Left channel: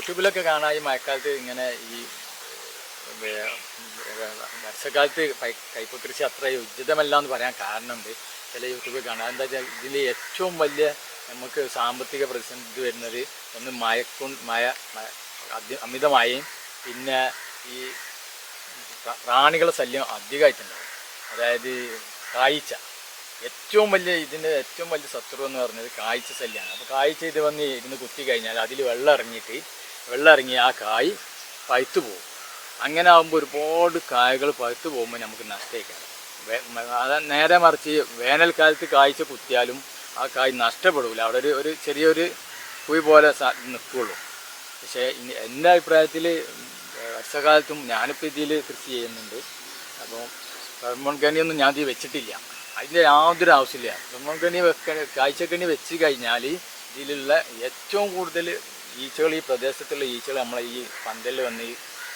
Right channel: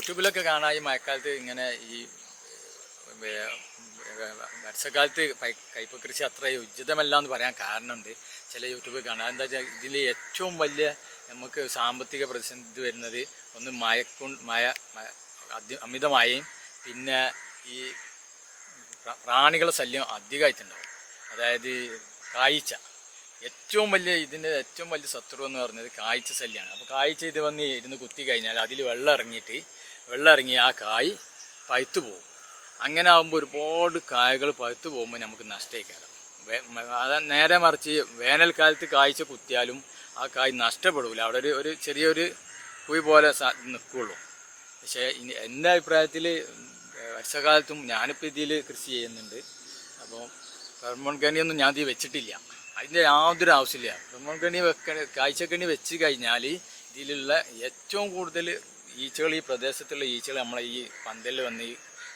യൂട്യൂബിലൊക്കെ കാണാം ഈ മഴക്കാലത്ത് ഇങ്ങനെ ഈ വർഷക്കാലത്ത് കയ്പ കൃഷി അത്ര ഉചിതമല്ല എന്ന് പറയാൻ കാരണമുണ്ട്. ചില യൂട്യൂബിൽ കാണാം. എന്താ വെച്ചാൽ ഇതിൽ ഏറ്റവും വലിയ നമുക്ക് സാമ്പത്തിക പ്രതിസന്ധി വരുന്നത് ഒന്ന് മഴ അമിതമായും പിന്നെ ഈ പ്രാണികളുടെ ശല്യം അധികമായിട്ടുണ്ടാവും. അതായത് കായ്ച്ച ഇതിൻ്റെ ഏറ്റവും വലിയ ശത്രു എന്ന് പറയുന്നത് കായ്ച്ച ശല്യമാണ്. അപ്പോൾ കായ്ച്ച ഇത് വന്ന് ഇരുന്ന് കുത്തി കഴിഞ്ഞാൽ അതിൽ വെള്ളം ഇറങ്ങി ആ കായ് പഴുത്തു പോകും. അങ്ങനെ ആകുമ്പോൾ ഒരുപാട് കായകൾ പഴുത്തു പോകുമ്പോൾ നമുക്ക് നഷ്ടമായിക്കാറ്. അത് നേരെ മറിച്ച് വേനൽക്കാലത്ത് കായ്ച്ച കുത്തിയാലും ആ കായ് നഷ്ടപ്പെടില്ല. അവിടെ ഒരു ചെറിയൊരു കുഴി പോലെ നിൽക്കുകയുള്ളൂ. പക്ഷേ എൻ്റെ അഭിപ്രായത്തിൽ വർഷകാലത്തും ഞാനിപ്പോൾ ഇതിൽ കൃഷി ചെയ്യുന്നുണ്ട്. അപ്പോൾ ഫെർമോൺകണിയൊന്നും ഞാൻ ഇത് വെച്ചിട്ടില്ല. അതിൻ്റെ യാതൊരു ആവശ്യമില്ല. ഫെർമോൺകണി കായ്ച്ചക്കണി വെച്ച് കഴിഞ്ഞാൽ ഇതിലുള്ള ഏറ്റവും കൂടുതൽ ഈച്ചകൾ, ഈ പ്രദേശത്തുള്ള ഈച്ചകൾ നമ്മളെ ഈ പന്തലിൽ വന്ന് ഈ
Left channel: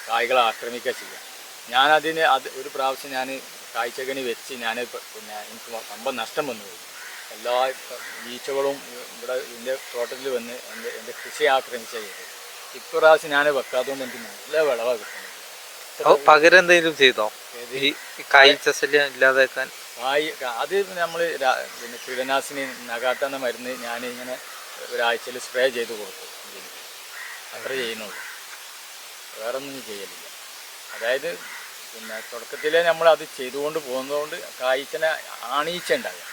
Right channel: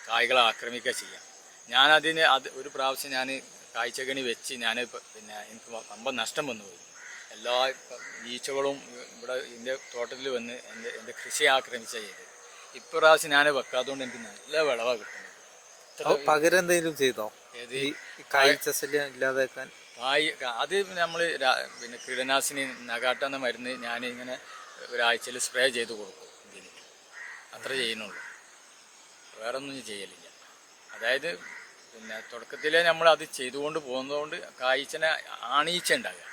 കായ്കളെ ആക്രമിക്കുക ചെയ്യാം. ഒരു പ്രാവശ്യം ഞാൻ കായ്ച്ചക്കണി വെച്ച് പിന്നെ എനിക്ക് വമ്പൻ നഷ്ടം വന്നുപോയി. എല്ലാ ഈച്ചകളും ഇവിടെ എൻ്റെ തോട്ടത്തിൽ വന്ന് എൻ്റെ കൃഷി ആക്രമിച്ച ചെയ്ത്. ഇപ്രാവശ്യം ഞാൻ വെക്കാത്തതുകൊണ്ട് എനിക്ക് നല്ല വിളവാണ് കിട്ടുന്നത്. പകരം എന്തെങ്കിലും ചെയ്തോ ഈ കായ്ച്ച ശല്യം ഇല്ലാതാക്കാൻ? അത് നമ്മൾ പിന്നെ കീടനാശിനി നഗാട്ട എന്ന മരുന്ന് ഞാൻ ഇങ്ങനെ ഒരാഴ്ചയിൽ സ്പ്രേ ചെയ്ത് കൊടുക്കും. അത്ര ചെയ്യുന്നുള്ളൂ, വേറൊന്നും ചെയ്യലില്ല. അതായത് പിന്നെ തുടക്കത്തിലേ നമ്മൾ അത് ചെയ്തുകൊണ്ട് പോകുന്നതുകൊണ്ട് കായ്ച്ചനെ ആണീച്ച ഉണ്ടാകുക.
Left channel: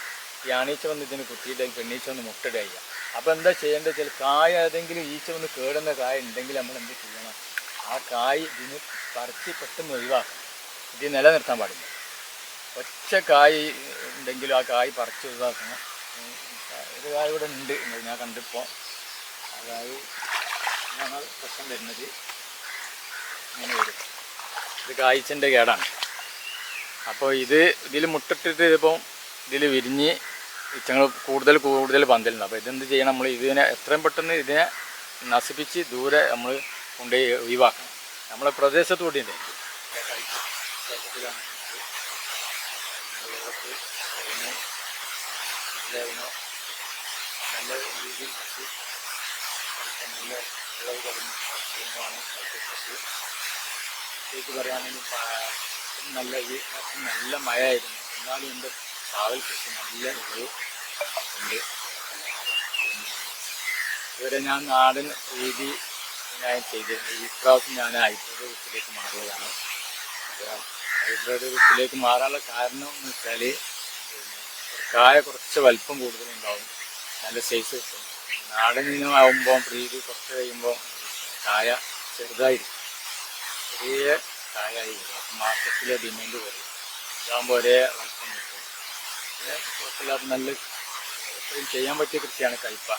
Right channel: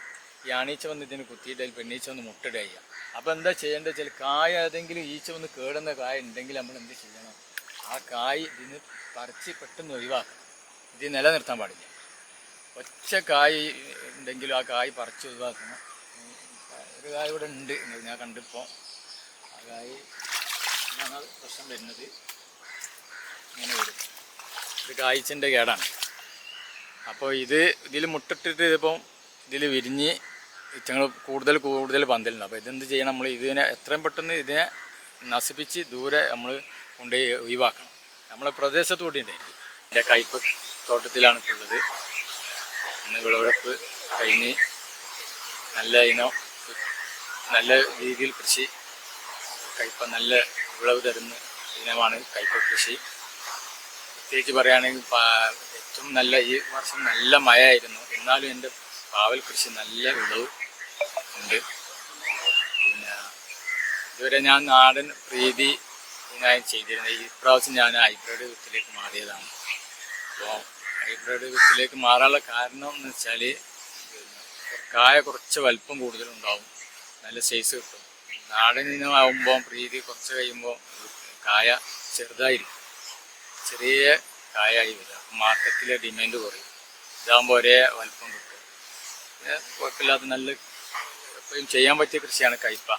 ഈ ആണീച്ച വന്ന് ഇതിന് കുത്തിയിട്ട് പെണ്ണീച്ച വന്ന് മുട്ടയിടുക. അപ്പോൾ എന്താ ചെയ്യേണ്ടത് വെച്ചാൽ കായ ഏതെങ്കിലും ഈച്ച വന്ന് കേടുന്ന കായ ഉണ്ടെങ്കിൽ നമ്മൾ എന്ത് ചെയ്യണം, ആ കായ് ഇതിന് പറിച്ച് പെട്ടെന്ന് ഒഴിവാക്കണം. ഇത് നിലനിർത്താൻ പാടില്ല. ഒറ്റ കായ് ഉണ്ടെങ്കിലും ആ കായ് പറിച്ച് ഒഴിവാക്കണം. ഒരു കായ ഇവിടെ ഉണ്ട്, ഞാൻ കണ്ടിപ്പോൾ. അതായത് ഞങ്ങൾ പ്രശ്നം വരുന്നത് ഇങ്ങനെ വരും. ഇത് കായ്ച്ചൻ്റെ കേടാണ്. അപ്പോൾ ഇതിൽ മുട്ടിട്ടിട്ട് ഇതിൽ വിരിഞ്ഞ് ഇച്ചങ്ങൾ കൂടുതൽ പന്തലുണ്ട്. അപ്പോൾ ഇതെന്ത് ചെയ്യണം, നമ്മൾ ഇതിനെ എത്രയും പെട്ടെന്ന് ഇതിനെ നശിപ്പിച്ച് ദൂരെ നമ്മൾ കൊണ്ടുപോയി ഒഴിവാക്കണം. നമ്മളെ പ്രദേശത്ത് കൂടിയുണ്ട്. എൻ്റെ കയ്പ് തോട്ടത്തിലാണ് ഉള്ളത്. ഇന്ന് വിളവെടുപ്പ് കഴിഞ്ഞ് നല്ല രീതിയിൽ കൃഷി കയ്പ നല്ല വിളവ് തരുന്ന ഇനമാണ് കയ്പ കൃഷി. പ്രത്യേകിച്ച് പറയുകയാണെങ്കിൽ ഏറ്റവും നല്ല ഈ വർഷം നല്ല മഴയായിരുന്നു. എന്നാലും എൻ്റെ പാവൽ കൃഷി നല്ല വിളവ് ഉണ്ട്. പിന്നെ ഇതുവരെ ഞാൻ നാടൻ രീതി ഞാൻ ചെയ്തിരുന്നത്. ഈ പ്രാവശ്യം ഞാൻ ഹൈബ്രിഡ് വിത്തിലേക്ക് മാറിയതാണ്. അപ്പോൾ ഹൈബ്രിഡ് വിത്തിലേക്ക് മാറാനുള്ള കാരണം എന്ന് വെച്ചാൽ കായ കുറച്ച് വലിപ്പം കൂടുതലുണ്ടാവും, നല്ല സൈസ് കിട്ടും. നാടൻ ഇനമാകുമ്പോൾ പ്രീതി കുറച്ച് കഴിയുമ്പോൾ കായ ചെറുതായിരിക്കും, ചെറിയ കായായി വരും. മാർക്കറ്റിലെ ഡിമാൻഡ് കുറയും. ഇതാകുമ്പോൾ ഒരേ വലിപ്പം കിട്ടും. പിന്നെ കുഴപ്പമില്ലാത്ത നല്ല എപ്പോഴും ചെയ്യാൻ പറ്റിയ കൃഷിയാണ് കയ്പ.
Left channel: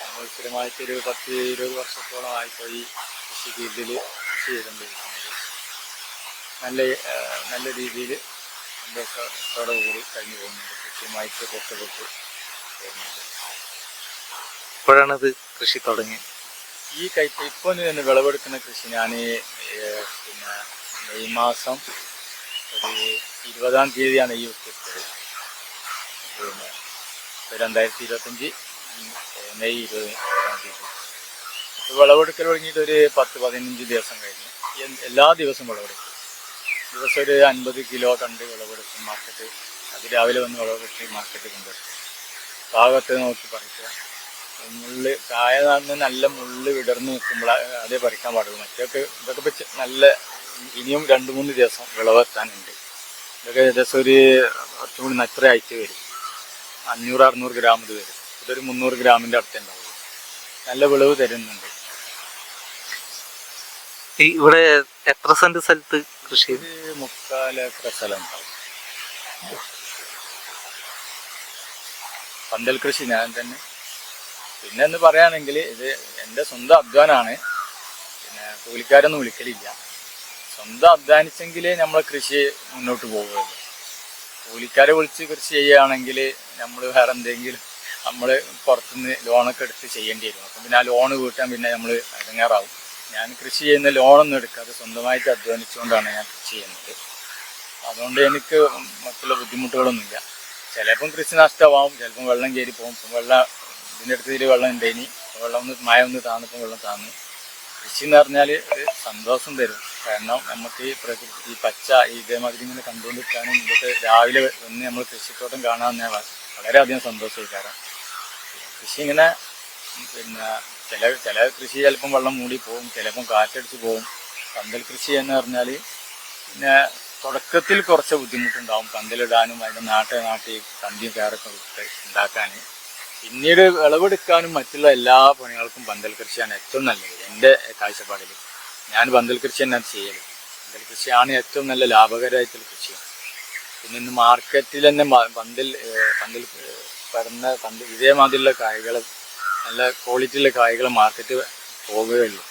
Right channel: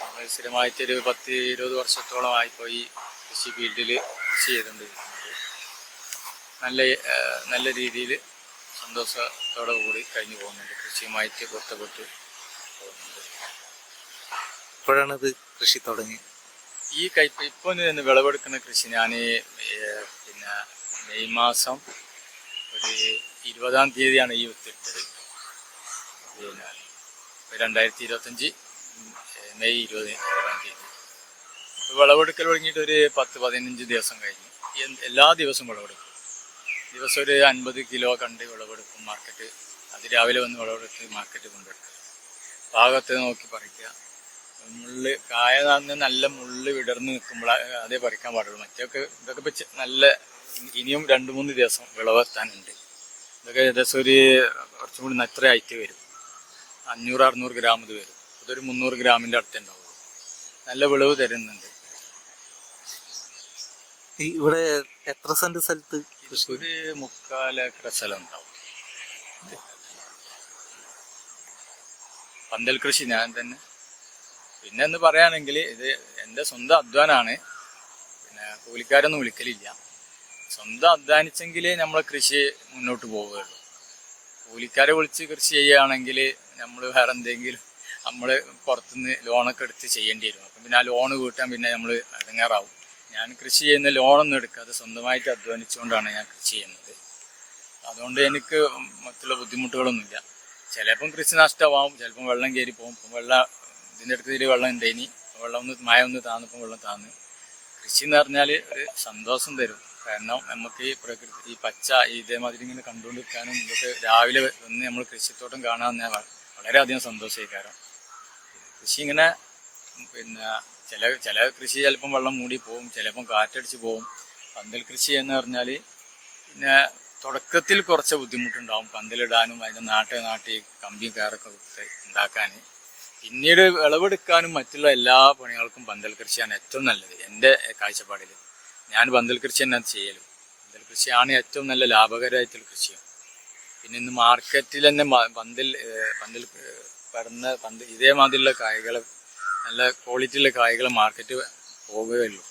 നമ്മൾ സ്ഥിരമായിട്ടൊരു 10-20 വർഷത്തോളമായിപ്പോൾ ഈ കൃഷി ഫീൽഡിൽ കൃഷി ചെയ്തുകൊണ്ടിരിക്കുന്നത്. നല്ല രീതിയിൽ സന്തോഷത്തോടു കൂടി കഴിഞ്ഞു പോകുന്നുണ്ട്. കൃഷിയുമായിട്ട് ബന്ധപ്പെട്ട് പോകുന്നുണ്ട്. എപ്പോഴാണത് കൃഷി തുടങ്ങി? ഈ കയ്പ ഇപ്പോൾ നിന്ന് വിളവെടുക്കുന്ന കൃഷി ഞാൻ പിന്നെ മെയ് മാസം ഒരു 20-ാം തീയതിയാണ് ഈ വിത്തെടുത്തത്. പിന്നെ 2025 മെയ് 20-ാം തീയതി. ഇപ്പോൾ വിളവെടുക്കൽ തുടങ്ങിയിട്ട് ഒരു 10-15 ദിവസം കഴിഞ്ഞു. എല്ലാ ദിവസവും വിളവെടുക്കും. ദിവസം ഒരു 50 കിലോ കണ്ട് വിളവെടുക്കും. മാർക്കറ്റ് അത് രാവിലെ വന്ന് വിളവെടുത്ത് മാർക്കറ്റ് കൊണ്ടുവരും. ഭാഗത്ത് നോക്കി പറിക്കുക. കായ നടന്ന് നല്ല മുള്ള് വിടർന്ന് നിൽക്കുമ്പോൾ അതേ പറിക്കാൻ പാടുള്ളൂ. ഇതൊക്കെ ഇപ്പോൾ നല്ല ഇനിയും 2-3 ദിവസം വിളവെത്താനുണ്ട്. ഇതൊക്കെ ഏകദേശം ഒരു കുറച്ചും കൂടി നത്ര ആയിട്ട് വരും. 500-600 ഗ്രാം ഇത് വരും. ഇതൊരു 300 ഗ്രാമിൻ്റെ അടുത്ത് ഉണ്ടാവുള്ളൂ. നല്ല വിളവ് തരുന്നുണ്ട്. ഇവിടെ എത്ര സെന്റ് സ്ഥലത്ത് കൃഷി? ഒരു 3/4 ഏക്കർ സ്ഥലം ഉണ്ടാവും. പന്തൽ കൃഷി ഞാൻ തന്നെ. പിന്നെ എന്ന് പറയുകയാണെങ്കിൽ ഇത് എൻ്റെ സ്വന്തം അധ്വാനമാണ്. പിന്നെ കൂലിക്കാരൊന്നും വിളിക്കലില്ല. സ്വന്തം അധ്വാനിച്ചെങ്കിലേ നമ്മളെ കൃഷി മുന്നോട്ട് പോകുകയുള്ളൂ. കൂലിക്കാരെ വിളിച്ച് കൃഷി ചെയ്യുകയാണെങ്കിൽ നമ്മൾ വേറെ എന്തെങ്കിലും നമ്മൾ പുറത്തുനിന്ന് ലോണൊക്കെ എടുത്ത് ചെയ്യേണ്ടി വരും. അപ്പം പിന്നെ ആ ലോണ് വീട്ടാൻ പിന്നെ നമ്മൾ ഇടങ്ങേറാവും. ഞാൻ കൃഷി ചെയ്യുന്ന ലോണൊന്നും എടുക്കാതെ സ്വന്തമായിട്ട് അധ്വാനിച്ചുകൊണ്ടാണ് ഞാൻ കൃഷി ചെയ്യുന്നത്. അതുകൊണ്ട് എനിക്ക് മറ്റുള്ള ബുദ്ധിമുട്ടുകളൊന്നുമില്ല. ചിലപ്പം കൃഷി നഷ്ടമാവും, ചിലപ്പം വെള്ളം കയറി പോകും. ഇതിൻ്റെ അടുത്ത് വെള്ളം ഉണ്ടായിനി, മഴ ഒന്ന് താന്നപ്പം വെള്ളം താന്ന്. കൃഷി എന്ന് പറഞ്ഞാൽ ഒരു സന്തോഷം തരും. കാരണം നമുക്ക് ഈ പ്രകൃതി ഈ പച്ച ഇതേമാതിരി ഇങ്ങനെ കണ്ടുകൊണ്ടിരിക്കാനും ഇതൊക്കെ രാവിലെ വന്ന് നമ്മൾ കൃഷിത്തോട്ടം കാണാൻ വളരെയധികം സന്തോഷമായി. കാരണം കൃഷി ഇങ്ങനെ പിന്നെ ചില കൃഷി ചിലപ്പം വെള്ളം മൂടി പോകും, ചിലപ്പം കാറ്റടിച്ച് പോകും. പന്തൽ കൃഷി എന്ന് പറഞ്ഞാൽ പിന്നെ തുടക്കത്തിൽ കുറച്ച് ബുദ്ധിമുട്ടുണ്ടാവും പന്തലിടാനും അതിൻ്റെ നാട്ടി കമ്പിയും കയറൊക്കെ വിട്ട് ഉണ്ടാക്കാൻ. പിന്നീട് വിളവെടുക്കാനും മറ്റുള്ള എല്ലാ പണികൾക്കും പന്തൽ കൃഷിയാണ് ഏറ്റവും നല്ലത്. എൻ്റെ കാഴ്ചപ്പാടിൽ ഞാൻ പന്തൽ കൃഷി തന്നെയാണ് ചെയ്യൽ. പന്തൽ കൃഷിയാണ് ഏറ്റവും നല്ല ലാഭകരമായിട്ടുള്ള കൃഷിയാണ്. പിന്നെ ഇന്ന് മാർക്കറ്റിൽ തന്നെ പന്തൽ ഇതേമാതിരിയുള്ള കായ്കൾ, നല്ല ക്വാളിറ്റിയുള്ള കായ്കൾ മാർക്കറ്റ് പോകുകയുള്ളൂ.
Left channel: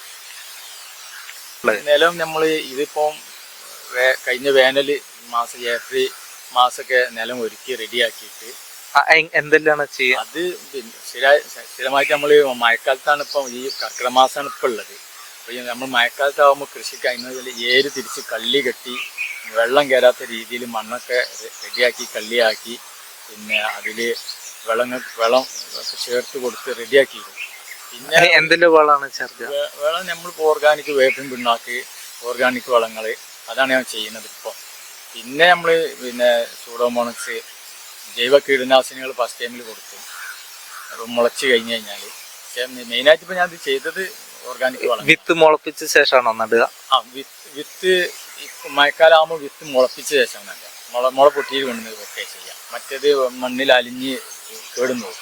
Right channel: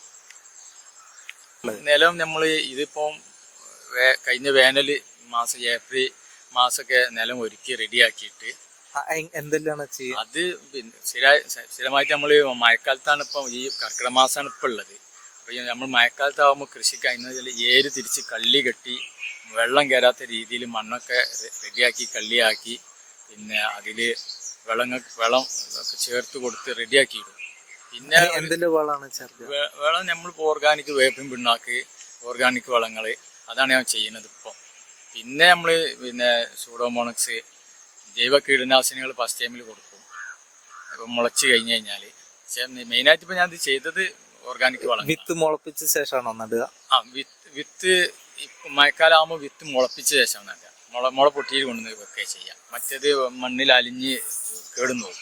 നിലം നമ്മൾ ഇതിപ്പം കഴിഞ്ഞ വേനൽ മാസം ഏപ്രിൽ മാസമൊക്കെ നിലം ഒരുക്കി റെഡിയാക്കിയിട്ട് എന്തെല്ലാം ചെയ്യുക. അത് പിന്നെ സ്ഥിരമായിട്ട് നമ്മൾ മഴക്കാലത്താണ് ഇപ്പം ഈ കർക്കിടക മാസമാണ് ഇപ്പം ഉള്ളത്. അപ്പോൾ നമ്മൾ മഴക്കാലത്താകുമ്പോൾ കൃഷിക്ക് അതിന് ഏര് തിരിച്ച് കള്ളി കെട്ടി വെള്ളം കയറാത്ത രീതിയിൽ മണ്ണൊക്കെ റെഡിയാക്കി കള്ളിയാക്കി പിന്നെ അതിൽ വെള്ളം ചേർത്ത് കൊടുത്ത് റെഡിയാക്കിയിടും. പിന്നെ എന്തെല്ലാം വളമാണ് ചേർക്കുക? വളം നമ്മളിപ്പോൾ ഓർഗാനിക് വേപ്പിൻ പിണ്ണാക്ക്, ഓർഗാനിക് വളങ്ങൾ, അതാണ് ഞാൻ ചെയ്യുന്നത് ഇപ്പോൾ. പിന്നെ നമ്മൾ പിന്നെ സൂഡോമോണക്സ് ജൈവ കീടനാശിനികൾ ഫസ്റ്റ് ടൈമിൽ കൊടുക്കും. അപ്പം മുളച്ച് കഴിഞ്ഞ് കഴിഞ്ഞാൽ പക്ഷേ മെയിനായിട്ട് ഇപ്പോൾ ഞാനത് ചെയ്തത് ഓർഗാനിക് വളം. വിത്ത് മുളപ്പിച്ച ശേഷമാണോ നടുക? ആ വിത്ത് മഴക്കാലമാകുമ്പോൾ വിത്ത് മുളപ്പിച്ച ശേഷം നടുക. മുള പൊട്ടിയിൽ കൊണ്ടുവന്ന് വെക്കുക ചെയ്യാം. മറ്റേത് മണ്ണിൽ അലിഞ്ഞ് കേടുന്നു പോകും.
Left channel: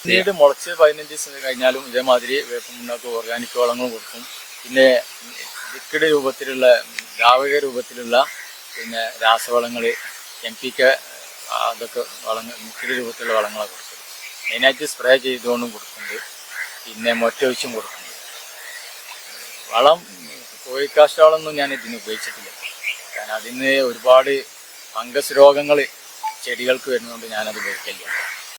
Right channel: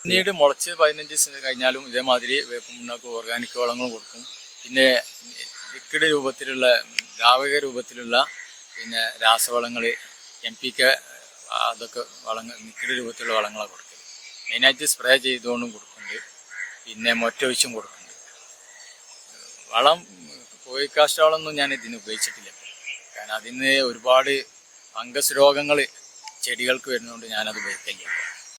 പിന്നീട് മുളച്ച് 15 ദിവസം കഴിഞ്ഞാലും ഇതേമാതിരി വേപ്പം മുന്നോട്ട് ഓർഗാനിക് വളങ്ങളും കൊടുക്കും. പിന്നെ ലിക്വിഡ് രൂപത്തിലുള്ള ദ്രാവക രൂപത്തിലുള്ള പിന്നെ രാസവളങ്ങൾ NPK അതൊക്കെ വളങ്ങൾ ലിക്വിഡ് രൂപത്തിലുള്ള വളങ്ങളാണ് കൊടുക്കുന്നത്. മെയിനായിട്ട് സ്പ്രേ ചെയ്തുകൊണ്ടും കൊടുക്കുന്നുണ്ട്, പിന്നെ മൊറ്റൊഴിച്ചും കൊടുക്കുന്നുണ്ട്. വളം കോഴിക്കാഷ്ട വളമൊന്നും ഞാൻ ഇതിന് ഉപയോഗിച്ചിട്ടില്ല. കാരണം അതിന് ഒരുപാട് ഫംഗസ് രോഗങ്ങൾ ചെടികൾക്ക് വരുന്നതുകൊണ്ട് ഞാനത് ഉപയോഗിക്കില്ല.